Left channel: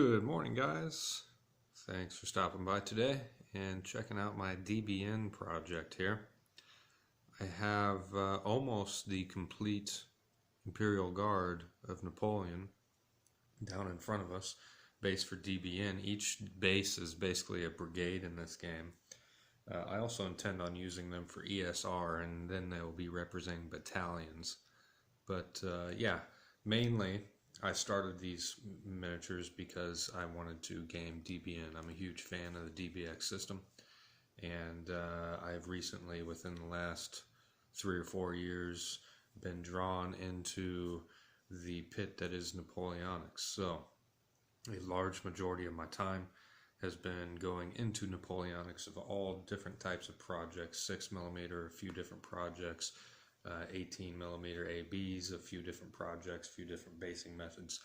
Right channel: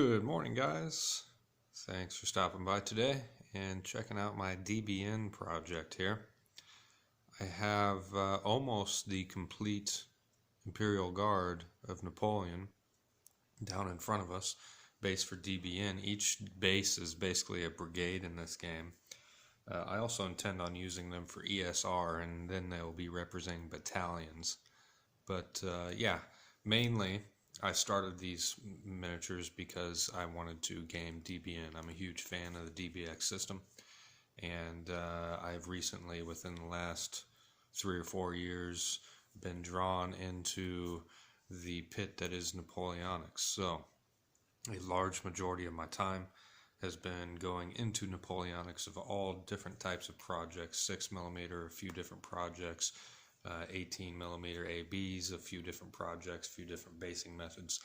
Good morning, guys. Thanks for stopping by today and checking out my DBN project here. I have almost the complete Imperial Guard of Napoleon down in front of us, base for DBN. Each base is basically a brigade in this game. I also intend on using them for ESR, and then they'll be representing battalions. But yeah, mainly I started these miniatures because I wanted to game DBN. I'm a huge fan of the DBX system, and I've recently, within the last 3 or 4 years, been drawn into the pit that is Napoleonics. So a large majority of my time has been going into Napoleonics of all different types of projects, 6mm, a few different projects, 18mm ABs, a few different projects, a few different basing methods.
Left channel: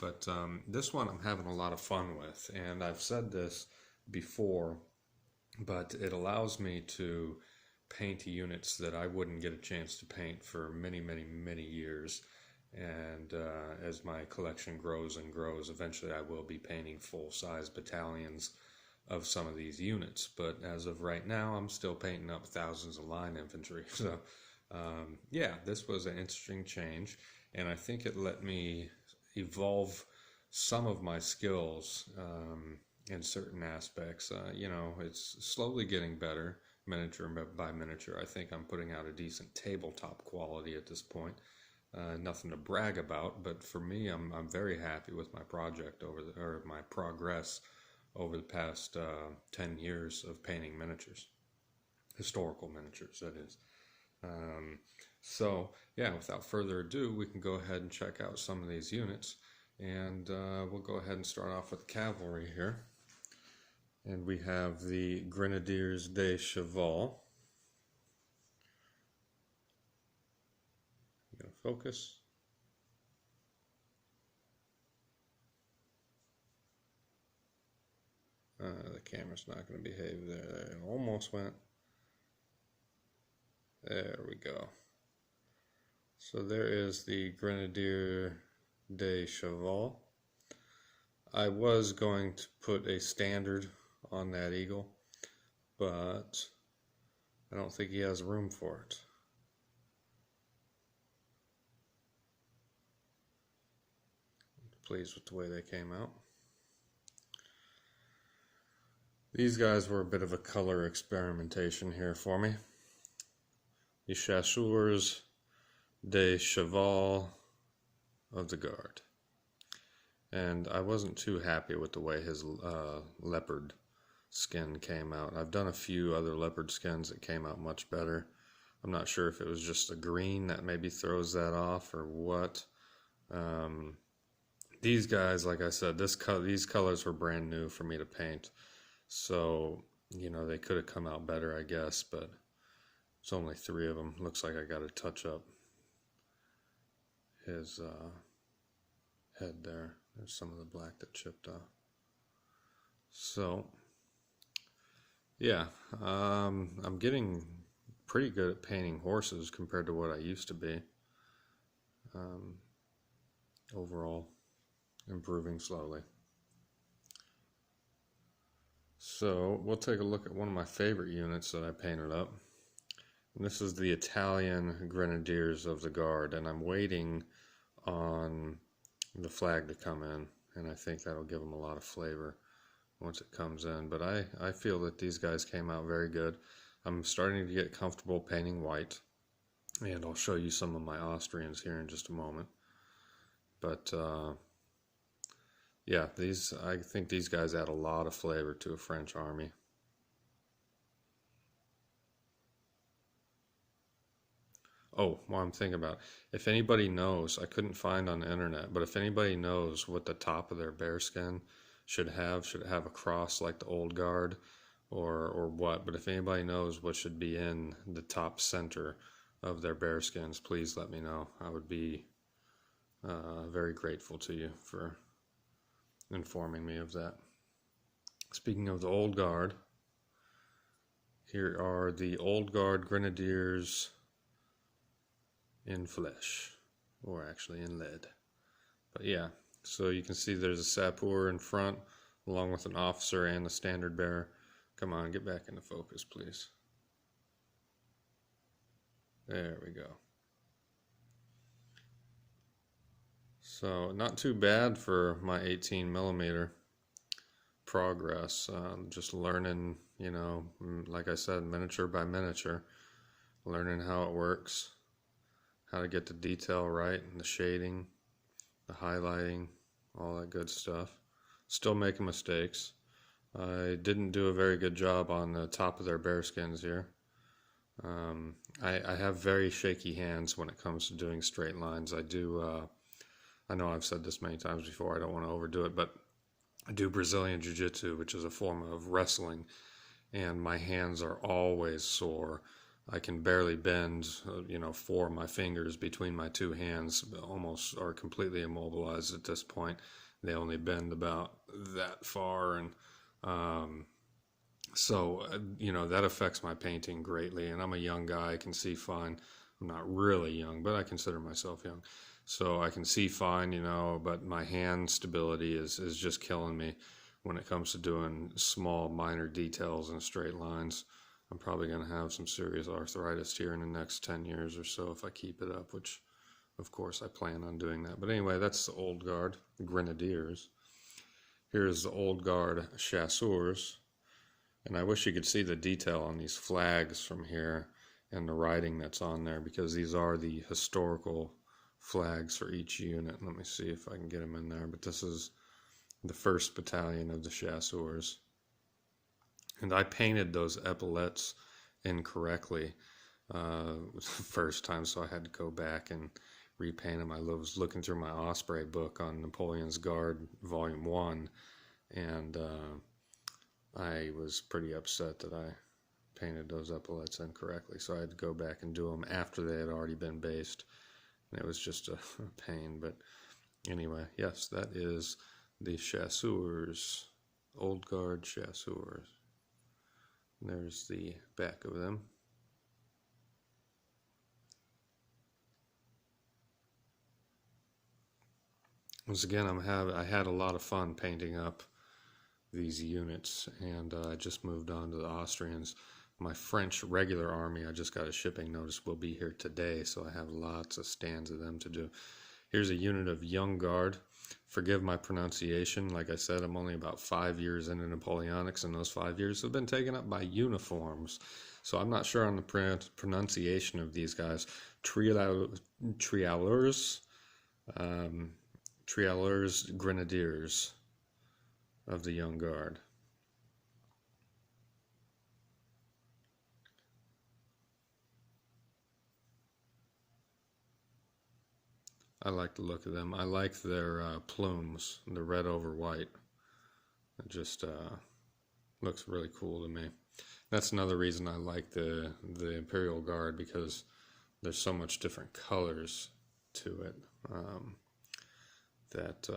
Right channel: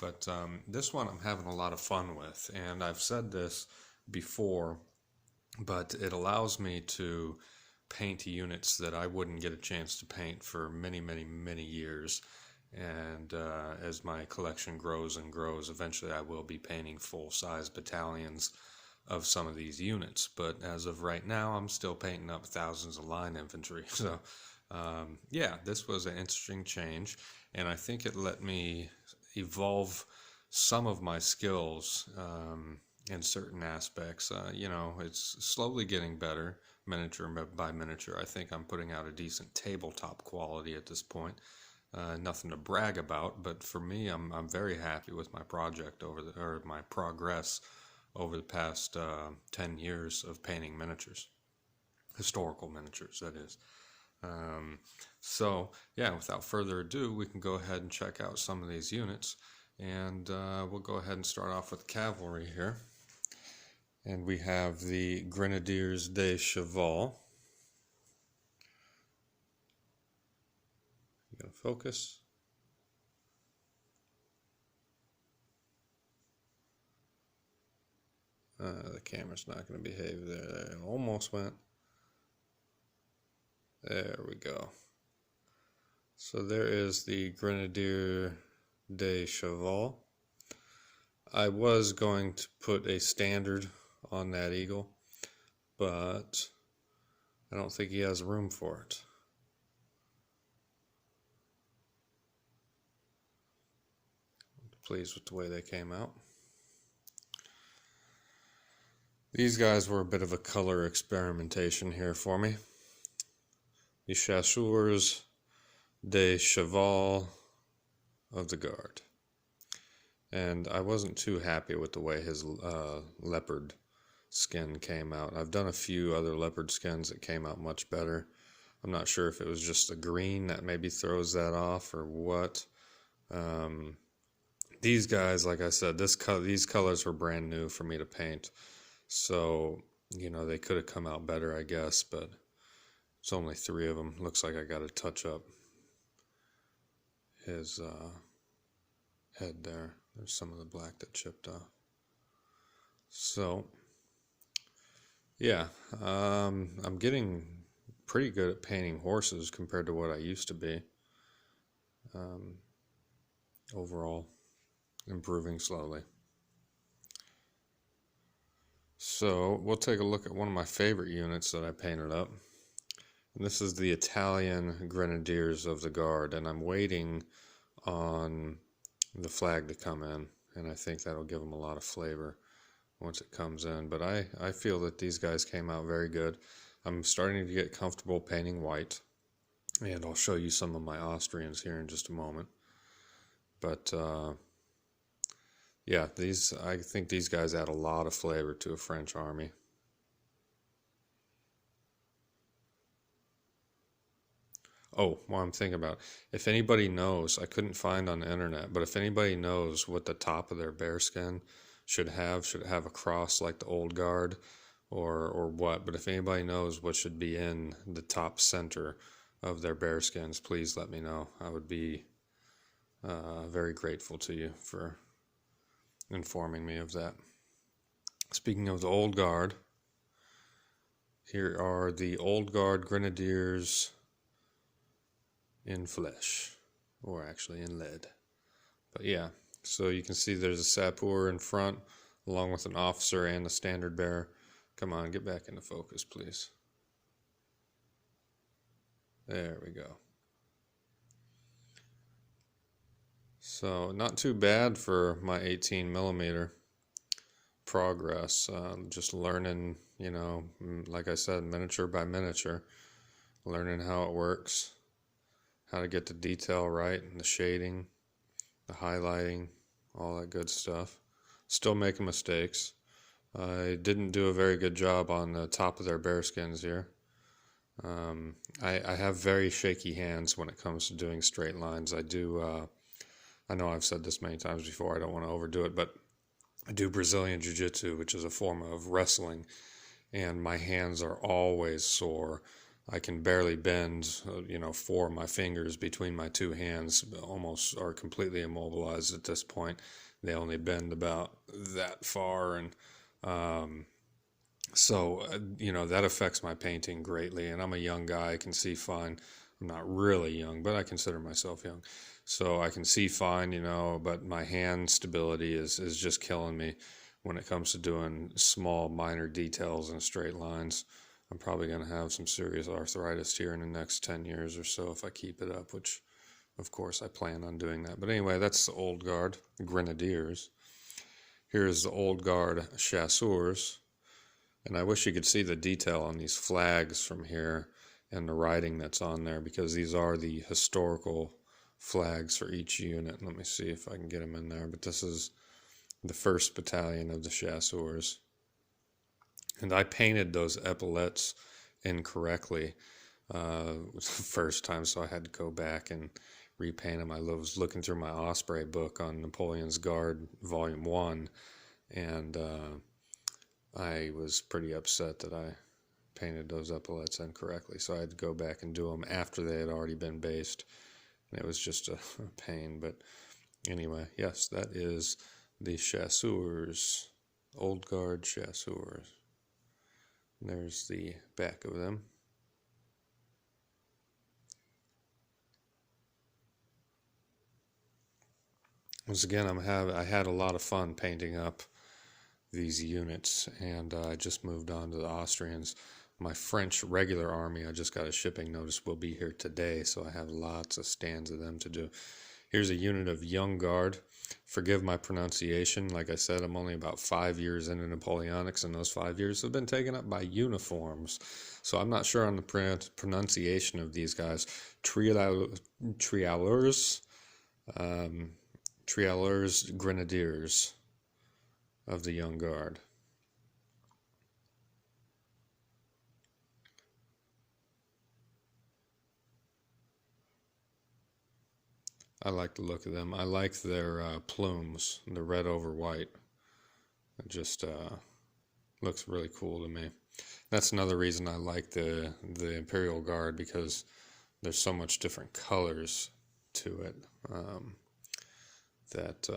But this one I'm having a lot of fun with, and I've said this before, but it allows me to paint units that I wouldn't get a chance to paint for many, many, many years. And as my collection grows and grows, eventually I will be painting full-size battalions of some of these units. But as of right now, I'm still painting up thousands of line infantry. So yeah, this was an interesting change, and I think it let me evolve some of my skills in certain aspects. It's slowly getting better, miniature by miniature. I think I'm putting out a decent tabletop quality at this point. Nothing to brag about, but for me, I'm very happy with my project my progress over the past 10 years of painting miniatures, historical miniatures, that is. So yeah, without further ado, we can go ahead and check out some of these units, and we'll go ahead and start off with cavalry here. And we have the Grenadiers de Cheval. I'm going to focus. The camera's not going to behave there. It almost went. There we go. So there is the Grenadier de Cheval. I was going to put a standard on that eagle, but I don't think he has room for it. Pleased with the way they came out. These guys were a bit of a color experimentation here for me. The Chasseurs de Cheval of the Guard. And I wasn't too happy with the way his leopard skin came out. I've done a few other leopard skins that came out much better. I'm not sure if it was just the green that maybe throws that off or what. These guys, like I said, these colors were brand new for me to paint. So, they could have come out better, I guess, but it's only 3 of them. Looks like I got to touch up his head there. There's some of the black that chipped off. So, yeah, I'm getting pretty good at painting horses compared to what I used to be. Overall, improving slowly. So we'll take a look at one of my favorite units that I painted up. And this is the Italian Grenadiers of the Guard, and I'm waiting on the flag to come in, and I think that'll give them a lot of flavor once it comes in. But I feel that these guys came out very good. I'm starting to get comfortable painting white, and I'll show you some of my Austrians here in just a moment. But yeah, I think these guys add a lot of flavor to a French army. Oh, well, I'm thinking about, if anybody knows, I couldn't find on the internet, but if anybody knows what the top of their bearskin should it have a cross like the old guard or what? But if anybody knows what should be in the top center of their bearskins, please let me know. I would be very grateful to you for informing me of that. Speaking of the old guard, here are the old guard Grenadiers in flesh, or actually in lead. But yeah, So you can see there's a sapeur in front, along with an officer and a standard bearer. Come on, get back into focus, please. There we go. So not too bad for my 18 millimeter progress. Just learning, you know, like I said, miniature by miniature, learning how it works, how to get the detail right, and the shading, the highlighting, all that good stuff. Still making mistakes. I didn't do a very good job on the top of their bearskins here. I have very shaky hands when it comes to doing straight lines. I know I've said this many times before, I don't want to overdo it, but I do Brazilian Jiu-Jitsu, which is a form of wrestling, and my hands are always sore. I can barely bend, 4 of my fingers between my two hands almost are completely immobilized at this point. They only bend about that far, and that affects my painting greatly. And I'm a young guy, I can see fine. I'm not really young, but I consider myself young. So I can see fine, but my hand stability is just killing me when it comes to doing small, minor details and straight lines. I'm probably going to have some serious arthritis here in the next 10 years or so if I keep it up, which, of course, I plan on doing that. But anyway, that's the Old Guard Grenadiers. Here's the Old Guard Chasseurs. And I wish you could see the detail on these flags from here and the writing that's on there, because these are the historical flags for each unit. Let me see if I can get them in there. But this is the 1st Battalion of the Chasseurs. And I painted those epaulets incorrectly the first time, so I had to go back and repaint them. I was looking through my Osprey book on Napoleon's Guard, Volume 1, and I was pretty upset that I painted those epaulets incorrectly, so I had to go back and do them after they had already been based. And it was just a pain, but anyway, yes, that is the Chasseurs, Old Guard Chasseurs. There's the back of them. Once again, I had a lot of fun painting up these units, and I just moved on to the Austrians. My French regular army, I just got a shipping notice, will be here today, so I have lots of stands of them to do. Here's a unit of Young Guard. Forgive my pronunciation. Like I said, I'm only about 5 years into Napoleonics, and those 5 years have been taken up by uniforms. So I'm not sure on the pronunciation of these guys. Trialeurs Grenadiers of the Young Guard. I like the look of them. I like their plumes, the red over white. It just looks really cool to me. That's another reason I like the Imperial Guard, because there's so much different colors to it that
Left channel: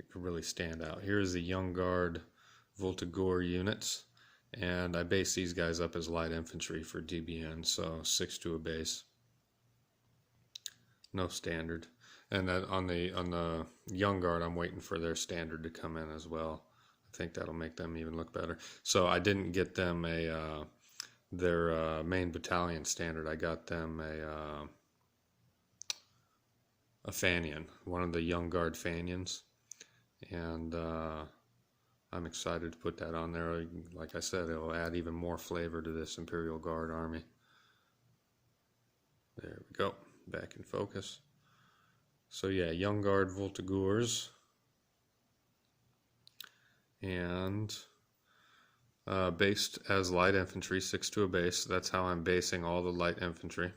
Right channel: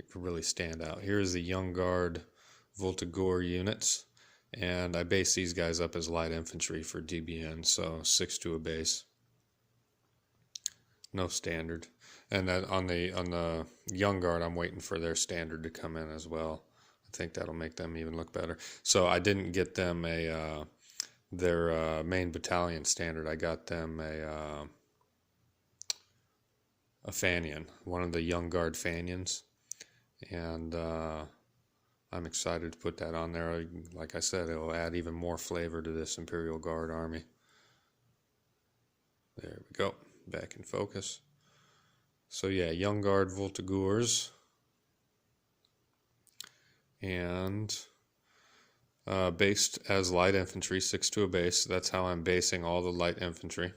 it can really stand out. Here's the Young Guard Voltigeur units, and I base these guys up as light infantry for DBN, so 6 to a base. No standard. And then on the Young Guard, I'm waiting for their standard to come in as well. I think that'll make them even look better. So I didn't get them their main battalion standard. I got them a Fanion, one of the Young Guard Fanions, and I'm excited to put that on there. Like I said, it'll add even more flavor to this Imperial Guard army. There we go. Back in focus. So yeah, Young Guard Voltigeurs, and based as light infantry, 6 to a base. That's how I'm basing all the light infantry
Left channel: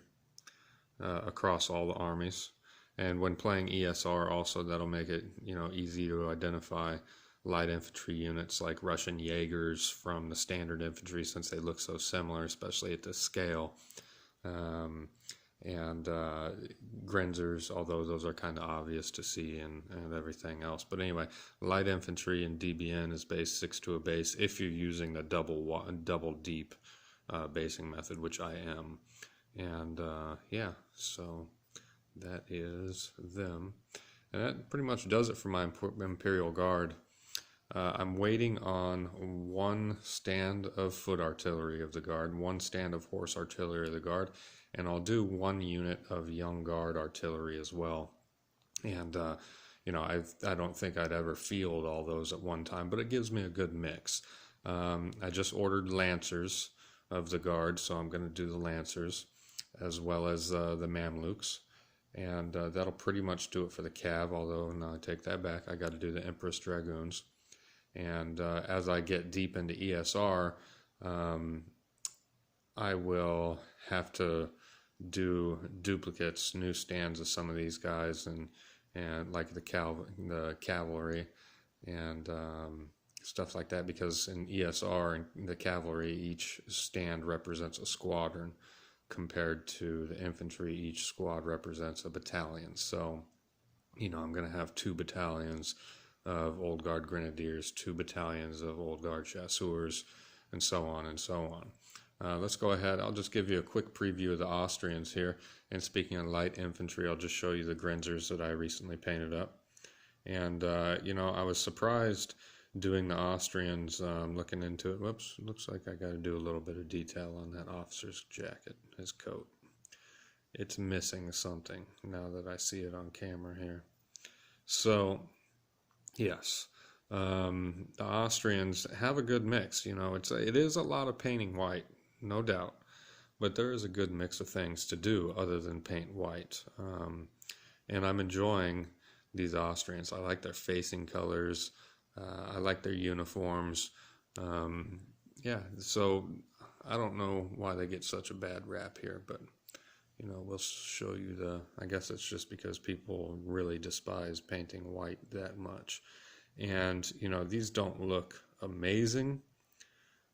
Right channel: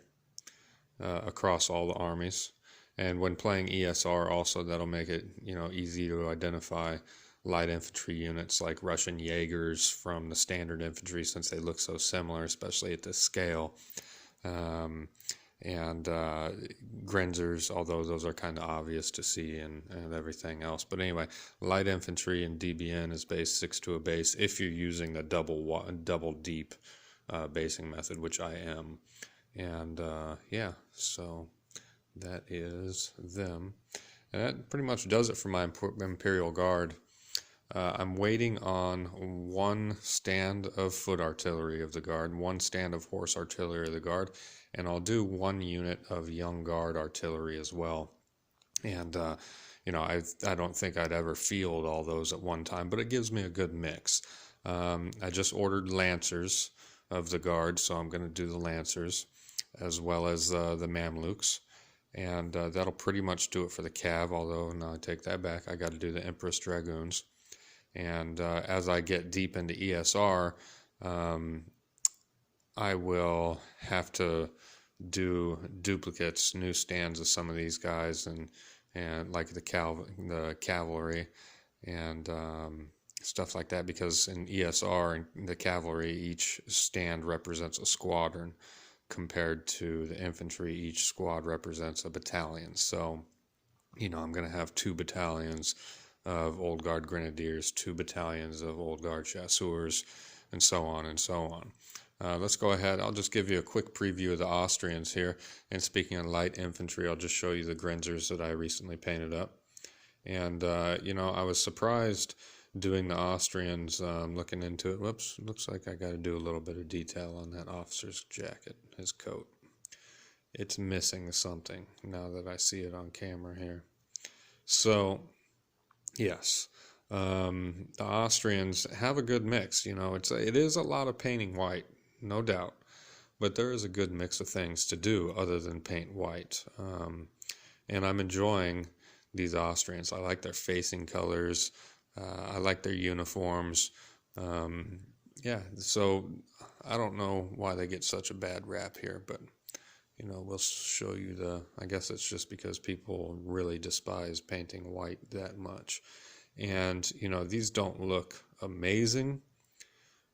across all the armies. And when playing ESR also, that'll make it easy to identify light infantry units like Russian Jaegers from the standard infantry, since they look so similar, especially at this scale. And Grenzers, although those are kind of obvious to see, and everything else. But anyway, light infantry in DBN is based 6 to a base if you're using the double deep basing method, which I am. And yeah, so that is them. And that pretty much does it for my Imperial Guard. I'm waiting on one stand of foot artillery of the Guard, one stand of horse artillery of the Guard, and I'll do one unit of Young Guard artillery as well. And, I don't think I'd ever field all those at one time, but it gives me a good mix. I just ordered Lancers of the Guard, so I'm going to do the Lancers as well as the Mamluks. And that'll pretty much do it for the Cav, although, no, I take that back. I got to do the Empress Dragoons. And as I get deep into ESR, I will have to do duplicates, new stands of some of these guys, and like the cavalry and stuff like that, because in ESR and the cavalry, each stand represents a squadron, compared to the infantry, each squad represents a battalion. So, I'm going to have 2 battalions of Old Guard Grenadiers, 2 battalions of Old Guard Chasseurs, and so on and so on. Let's go ahead. I'll just give you a quick preview of the Austrians here. And speaking of light infantry, I'll just show you the Grenzers that I recently painted up. And, I was surprised doing the Austrians, looking into it. Whoops, looks like I got to do a little bit of detail on that officer's jacket, his coat. It's missing something now that I see it on camera here. So, yes, the Austrians have a good mix. It is a lot of painting white, no doubt, but there is a good mix of things to do other than paint white. And I'm enjoying these Austrians. I like their facing colors. I like their uniforms. So I don't know why they get such a bad rap here, but we'll show you I guess it's just because people really despise painting white that much. And, these don't look amazing,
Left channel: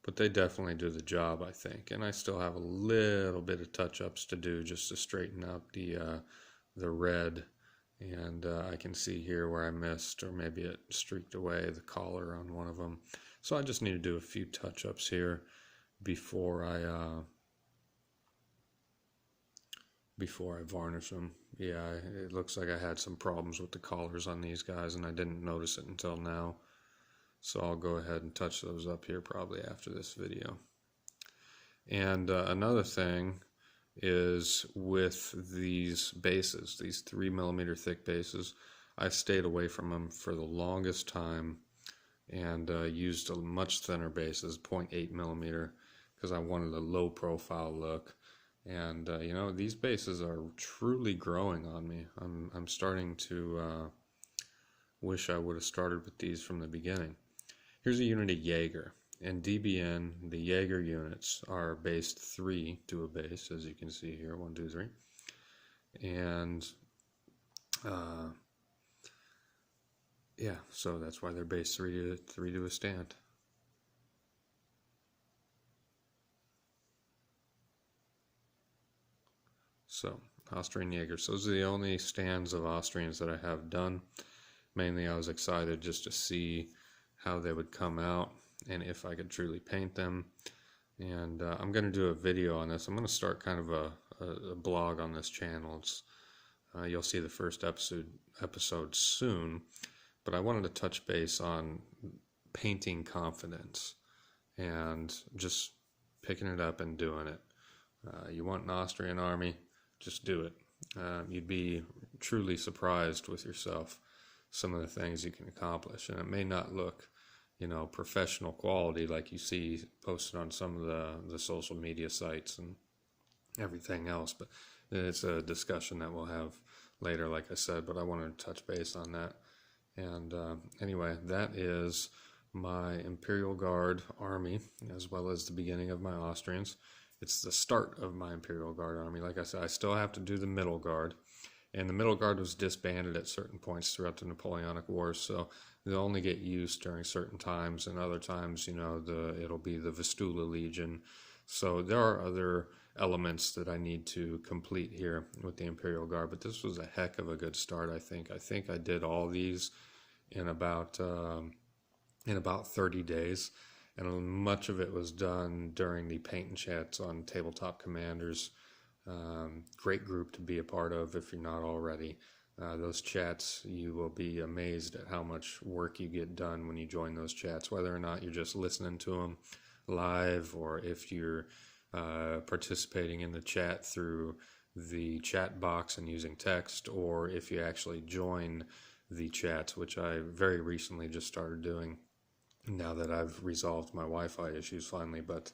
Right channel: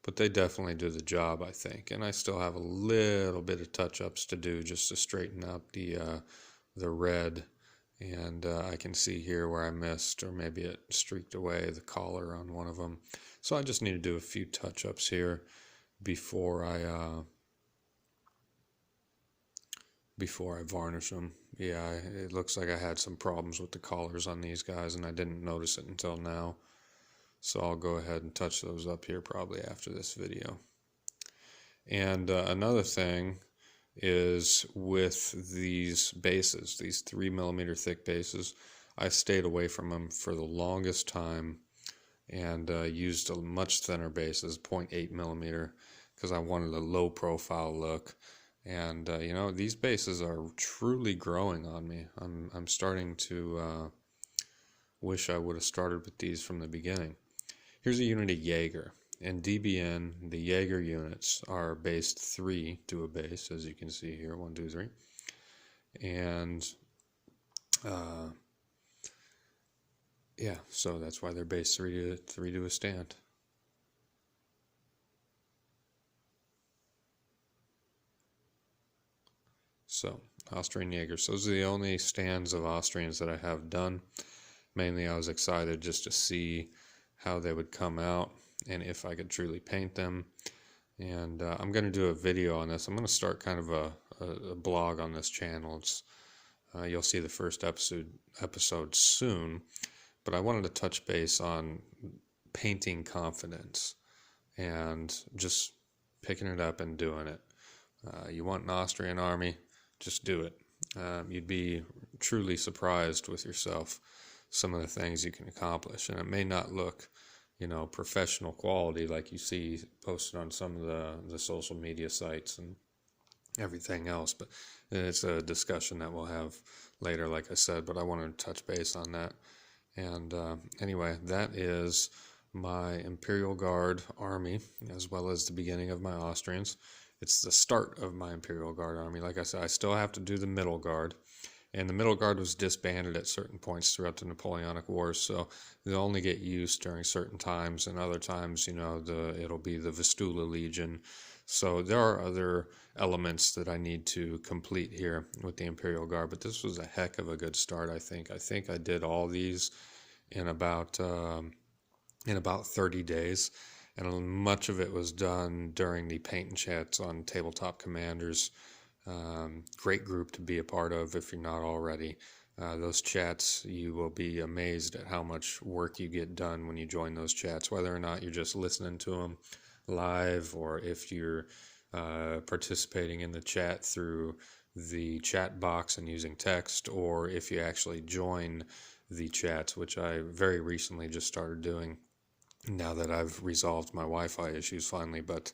but they definitely do the job, I think. And I still have a little bit of touch-ups to do just to straighten out the red. And I can see here where I missed, or maybe it streaked away, the collar on one of them. So I just need to do a few touch-ups here before I varnish them. Yeah, it looks like I had some problems with the collars on these guys, and I didn't notice it until now. So I'll go ahead and touch those up here probably after this video. And another thing is with these bases, these 3mm thick bases, I stayed away from them for the longest time and used a much thinner bases, 0.8mm, because I wanted a low profile look. And these bases are truly growing on me. I'm starting to wish I would have started with these from the beginning. Here's a unit of Jaeger. In DBN, the Jaeger units are based 3 to a base, as you can see here, 1, 2, 3. And so that's why they're based 3 to a stand. So, Austrian Jaegers. Those are the only stands of Austrians that I have done. Mainly I was excited just to see how they would come out and if I could truly paint them. And I'm going to do a video on this. I'm going to start kind of a blog on this channel. It's, you'll see the first episode soon. But I wanted to touch base on painting confidence and just picking it up and doing it. You want an Austrian army? Just do it. You'd be truly surprised with yourself, some of the things you can accomplish. And it may not look, professional quality like you see posted on some of the social media sites and everything else, but it's a discussion that we'll have later, like I said, but I wanted to touch base on that. And anyway, that is my Imperial Guard army, as well as the beginning of my Austrians. It's the start of my Imperial Guard army. Like I said, I still have to do the Middle Guard. And the Middle Guard was disbanded at certain points throughout the Napoleonic Wars, so they'll only get used during certain times, and other times, it'll be the Vistula Legion. So there are other elements that I need to complete here with the Imperial Guard, but this was a heck of a good start, I think. I think I did all these in about 30 days, and much of it was done during the paint and chats on Tabletop Commanders. Great group to be a part of if you're not already. those chats, you will be amazed at how much work you get done when you join those chats, whether or not you're just listening to them live, or if you're participating in the chat through the chat box and using text, or if you actually join the chats, which I very recently just started doing now that I've resolved my Wi-Fi issues finally. But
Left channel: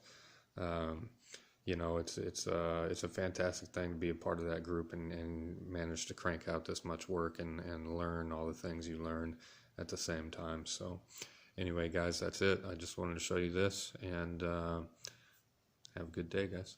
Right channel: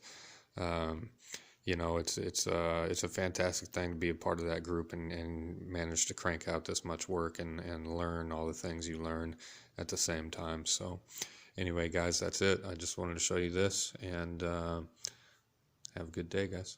it's a fantastic thing to be a part of that group and manage to crank out this much work and learn all the things you learn at the same time. So anyway, guys, that's it. I just wanted to show you this, and have a good day, guys.